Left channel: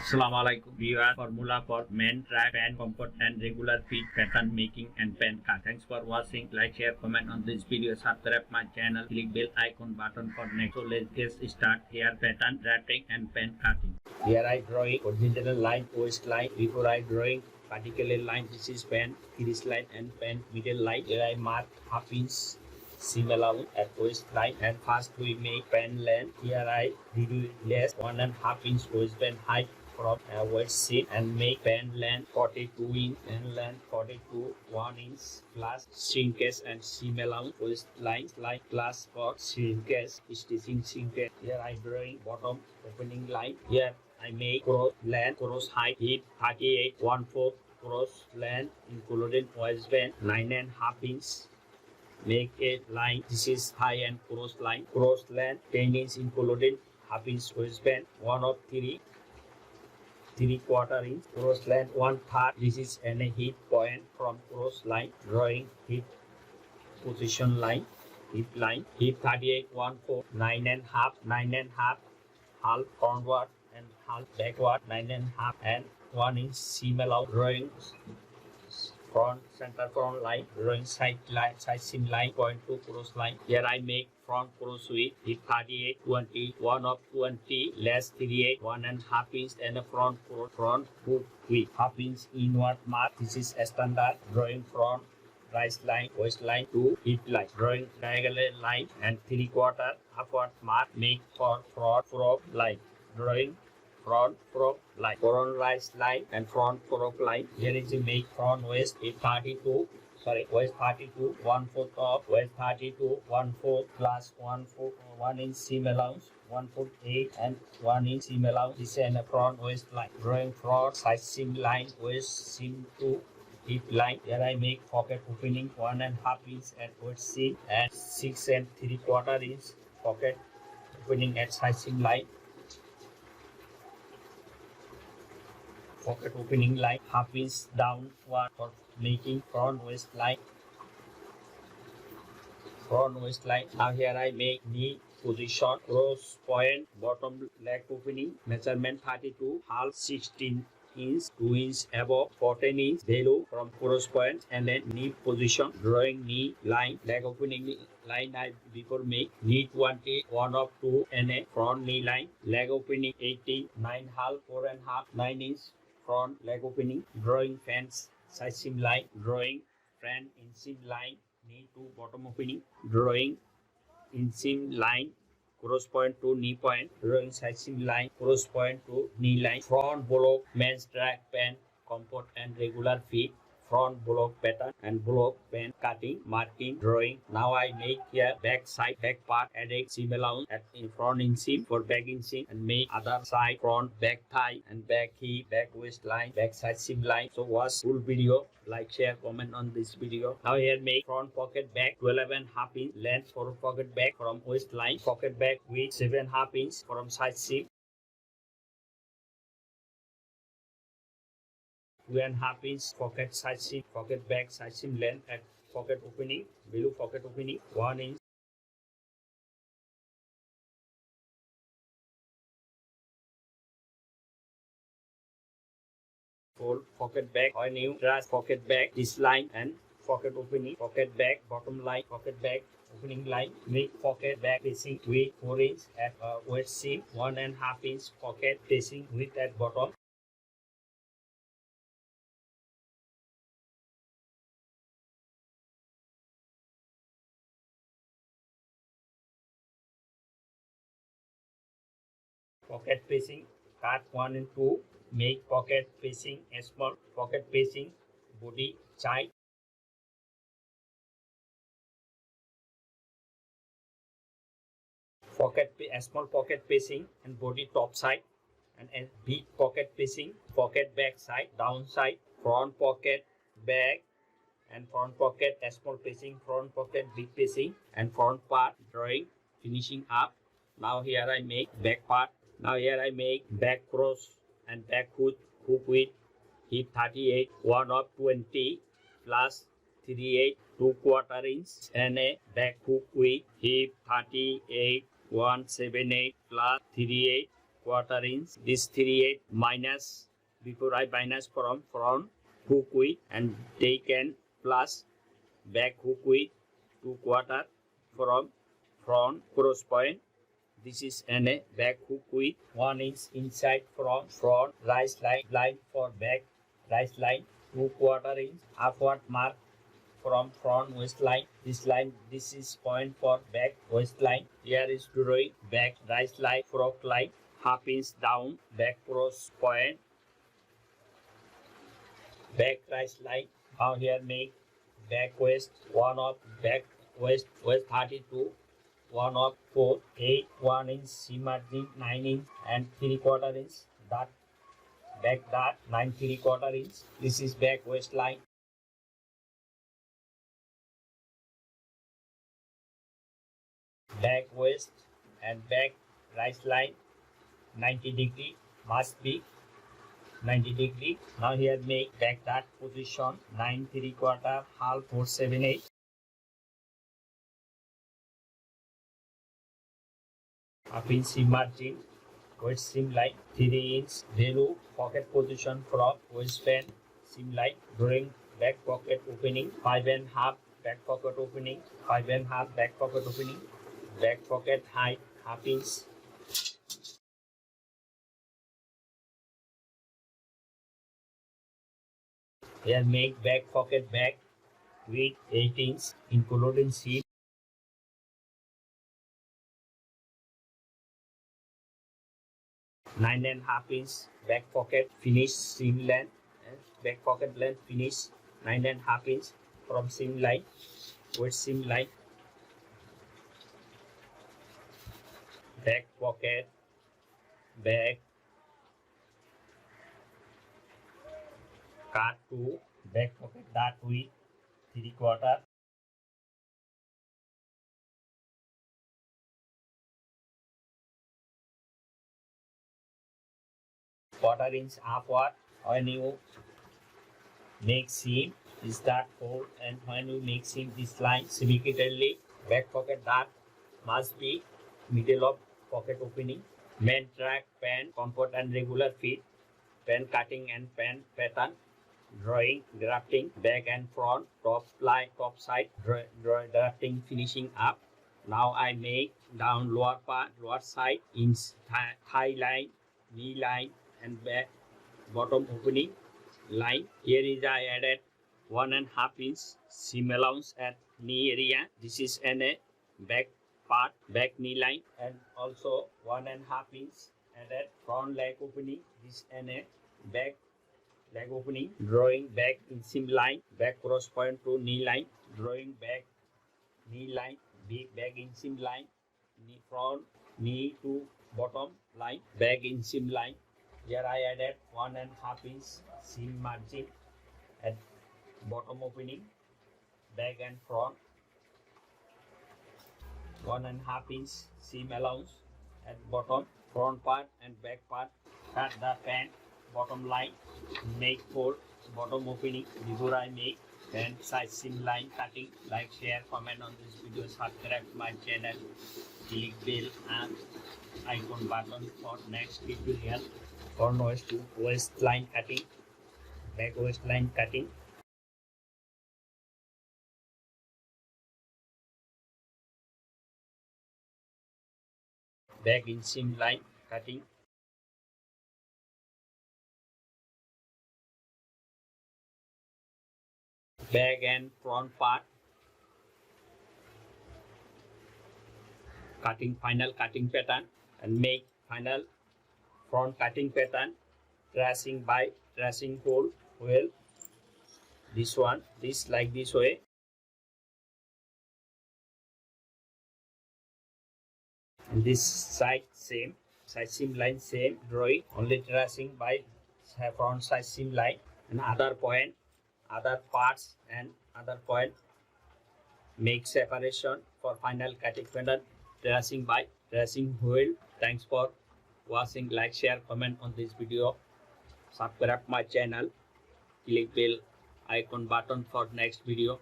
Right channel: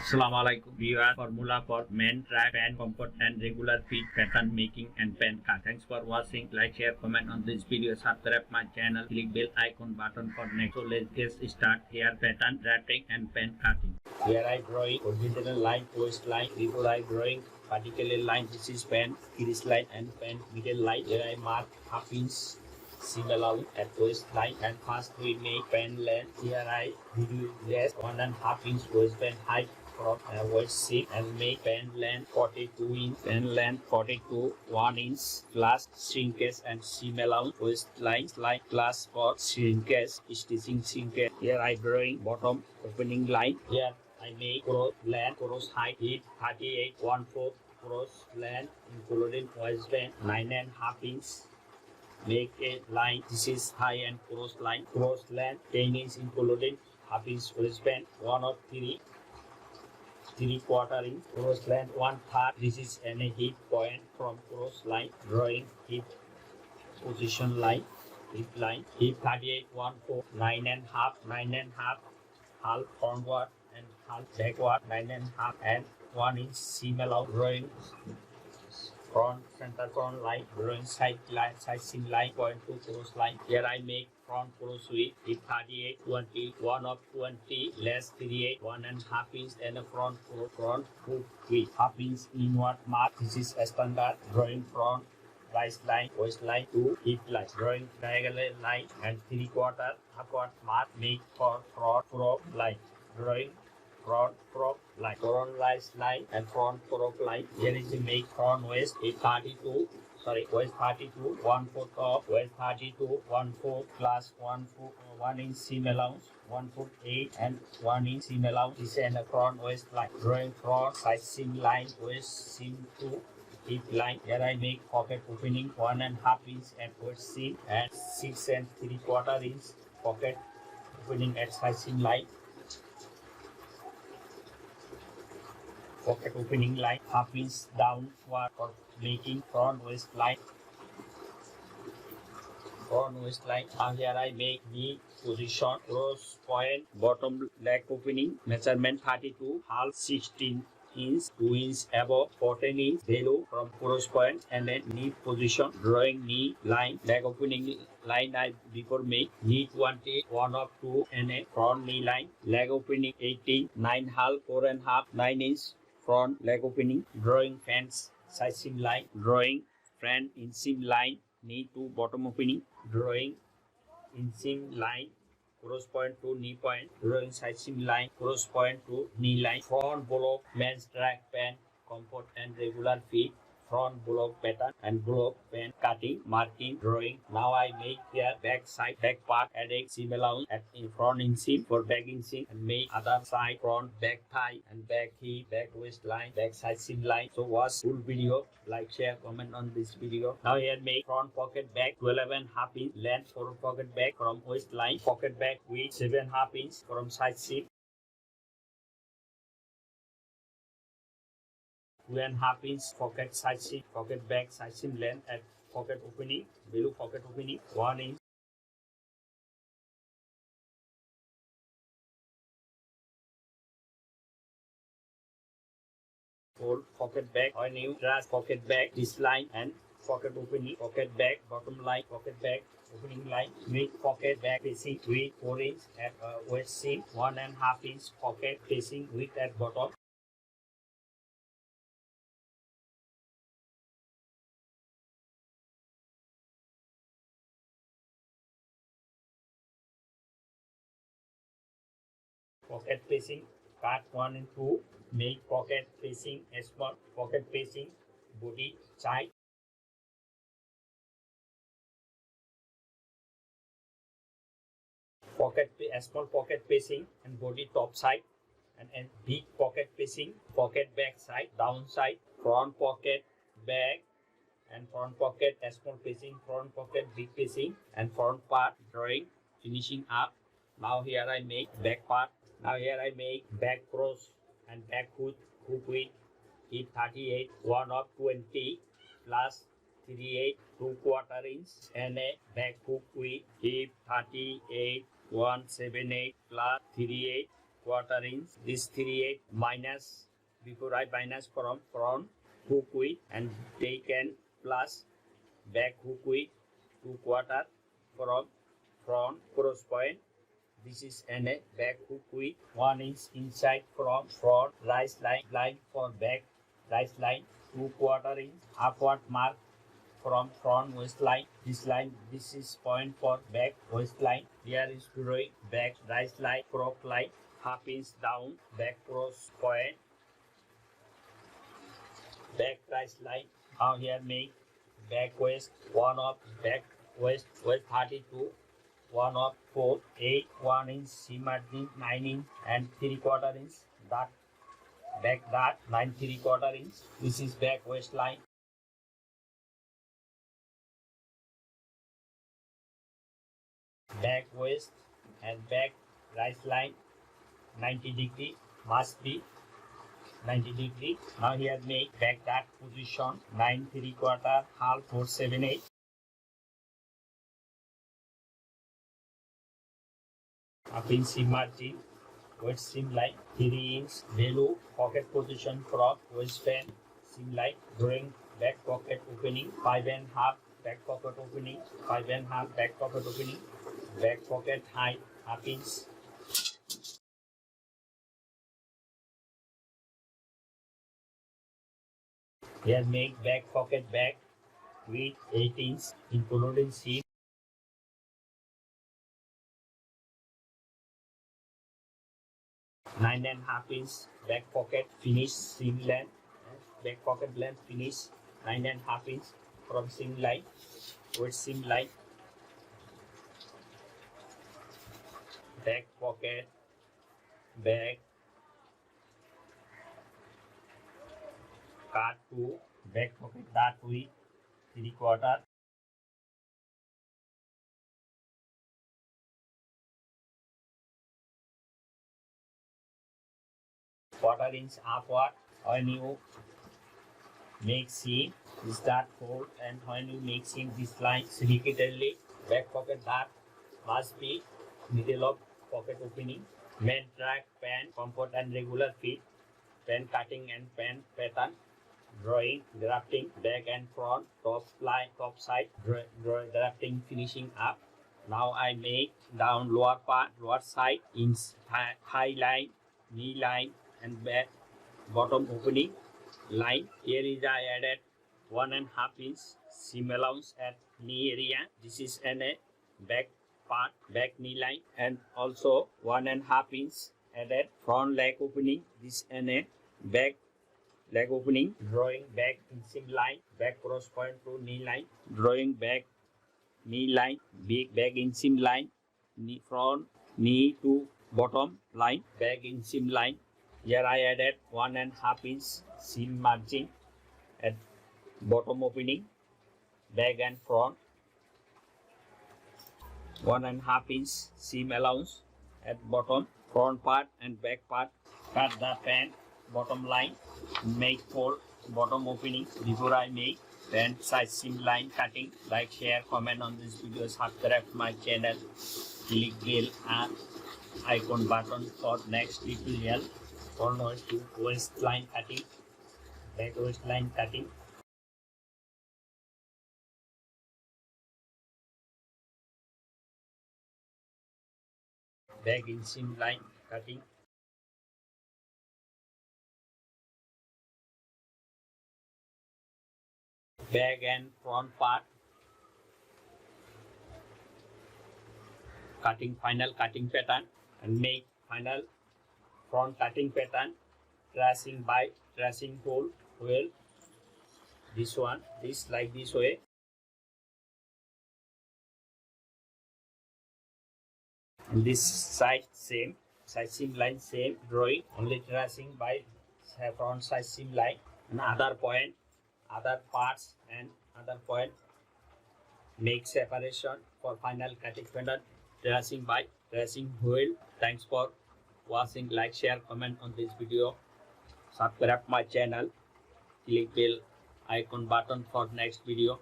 Assalamualaikum viewers. Formula for men track pant comfort and regular fit pattern making and pant cut. Thanks for watching. Like, share, comment on this video. Subscribe my channel. Click bell icon button for next. So let's get start. Here pattern wrapping and pant cutting. Here I drawing horizontal line, twist line. Before I drawing particular line, this is pant, crease line and pant middle line. Here I mark half inch seam allowance at waist line, and first we make pant length. Here I reduce less 1.5 inch waistband height from waist seam and make pant length 42 inch, pant length 42 1 inch plus shrinkage and seam allowance waistline slide plus for shrinkage stitching shrinkage. Here I drawing bottom opening line. Here I make cross length, cross height, hip 38 1/4, cross length including waistband 9.5 inch. Make a line. This is high and cross line. Cross length 10 inch including half inch waistband 1 of 3/4 inch. Cross length 1/3. This is an hip point from cross line. Drawing hip position line. Hip line. Hip 38 1/4. 9.5 half frontward and half backward 9.5 and 1 inch seam allowance. Drawing front center front line, drawing side line, side seam line, point to cross line. Here I make front cross width, hip 38 20, 1 of 20, less 38 1.5 inch, and a front hook width half inch inward mark. This is a standard. Drawing front rise line, waist line to hip line. Drawing diagonal line and 3/4 upward mark. Make for front prop line. Drawing front prop line, front rise line and front prop line. Here is the make front waist hip 32, waist 32 1/4 top, waist 32 1/4 plus 1 inch seam allowance 1/4 8 and 1 inch seam allowance. This is a front waist line. Drawing front side seam line, waist seam to hip line. Here I make pocket opening 1.5 inch at waist seam and 6 3/4 inch pocket opening at side seam line. Pocket opening line half inch downward for making front waist line. Now here I make knee position, cross point, bottom leg opening, measurement 32, half 16 inch, 2 inch above, 14 inch below from cross point, and then knee position. Drawing knee line, leg opening line I before make, knee 20, 1 of 2, and a front knee line, leg opening 18, 9 half, 4.5, 9 inch front leg opening. Drawing fence side seam line, drawing front inseam line, knee to bottom opening, drawing inseam line, cross point to knee point, drawing side seam line, cross point to knee line. Front block men's track pant comfort and regular fit, front block pattern and block pant cutting, marking, drawing. Now I make here back side, back part, adding seam allowance at in front inseam for back inseam, and make other side, front, back thigh and back hip, back waistline, back side seam line. So watch full video, like, share, comment on this video. Now here make front pocket back 12.5 inch length for pocket back from waistline, pocket back with 7.5 inch from side seam, 2.5 inch pocket side seam, pocket back side seam length at pocket opening, below pocket opening 1 inch. Fold pocket back or new trash pocket back this line and pocket opening, pocket back bottom line, pocket back opening line. Make pocket back facing with 4 inch at waist seam, 1.5 inch pocket facing width at bottom. Pocket facing cut 1 and 2. Make pocket facing a small pocket facing body side. Pocket a small pocket facing and body top side, and a big pocket facing pocket back side, down side, front pocket back and front pocket a small facing, front pocket big facing and front part. Drawing finishing up. Now here I make back part. Now here I make back cross and back hook width, hip 38 1 of 20 plus 38 2/4 inch, and a back hook width, hip 38 178 plus 38 3/4 inch. This 3/8 minus, before I minus from front hook width, and take and plus back hook width 2/4 from front cross point. This is a back hook width 1 inch inside from front rise line for back rise line 2/4 inch upward mark from front waistline. This is point for back waistline. Here is drawing back rise line, frock line, half inch down, back cross point, back rise line. Now here make back waist 1 of back waist 32, 1 of 4, 8, 1 inch seam margin 9 inch and 3/4 inch dot, back dot 9 3/4 inch. This is back waistline. Back waist and back rise line 90 degree, must be 90 degree. Now here make back dot position 9 3/4 half 4/7/8. Up in seam margin, waist seam line 3 inch value, pocket position from waistband seam line, drawing back pocket opening 5.5, back pocket opening 5.5, back pocket opening, back pocket height half inch. Here make back pocket back width 8 inch including seam. Nine and half inch back pocket finish seam length, back pocket length finish 9.5 inch from seam line, waist seam line, back pocket back cut to back pocket dot width 3/4. Quarter inch upward. When you make seam, start fold, and when you make seam this line repeatedly, back pocket dot must be middle of pocket opening. Main track, pant, comfort and regular fit, pant cutting and pant pattern, drawing, drafting, back and front, top side, drafting, finishing up. Now I make down lower part, lower side, in thigh line, knee line, and back bottom opening line. Here is I added 1.5 inch seam allowance at knee area. This is a back part, back knee line, and also 1.5 inch added front leg opening. This a back leg opening, drawing back in seam line, back cross point to knee line, drawing back knee line, back in seam line, knee front knee to bottom line, back in seam line. Here I added 1.5 inch seam margin at bottom opening, back and front, 1.5 inch seam allowance at bottom, front part and back part. Cut the pant bottom line, make fold bottom opening. Before I make pant size seam line cutting, like, share, comment on this video, subscribe my channel, click bell and icon button for next tutorial. For waistline cutting, back waistline cutting. Back in seam line cutting. Back and front part. Cutting final cutting pattern and make final front cutting pattern, tracing by tracing hole well. This one, this like this way. And this side same, side seam line same, drawing only tracing by front side seam line, and other point, other parts and other point make separation for final cutting pattern, tracing by tracing hole. Thanks for watching. Like, share, comment on this video, subscribe my channel, click bell icon button for next video.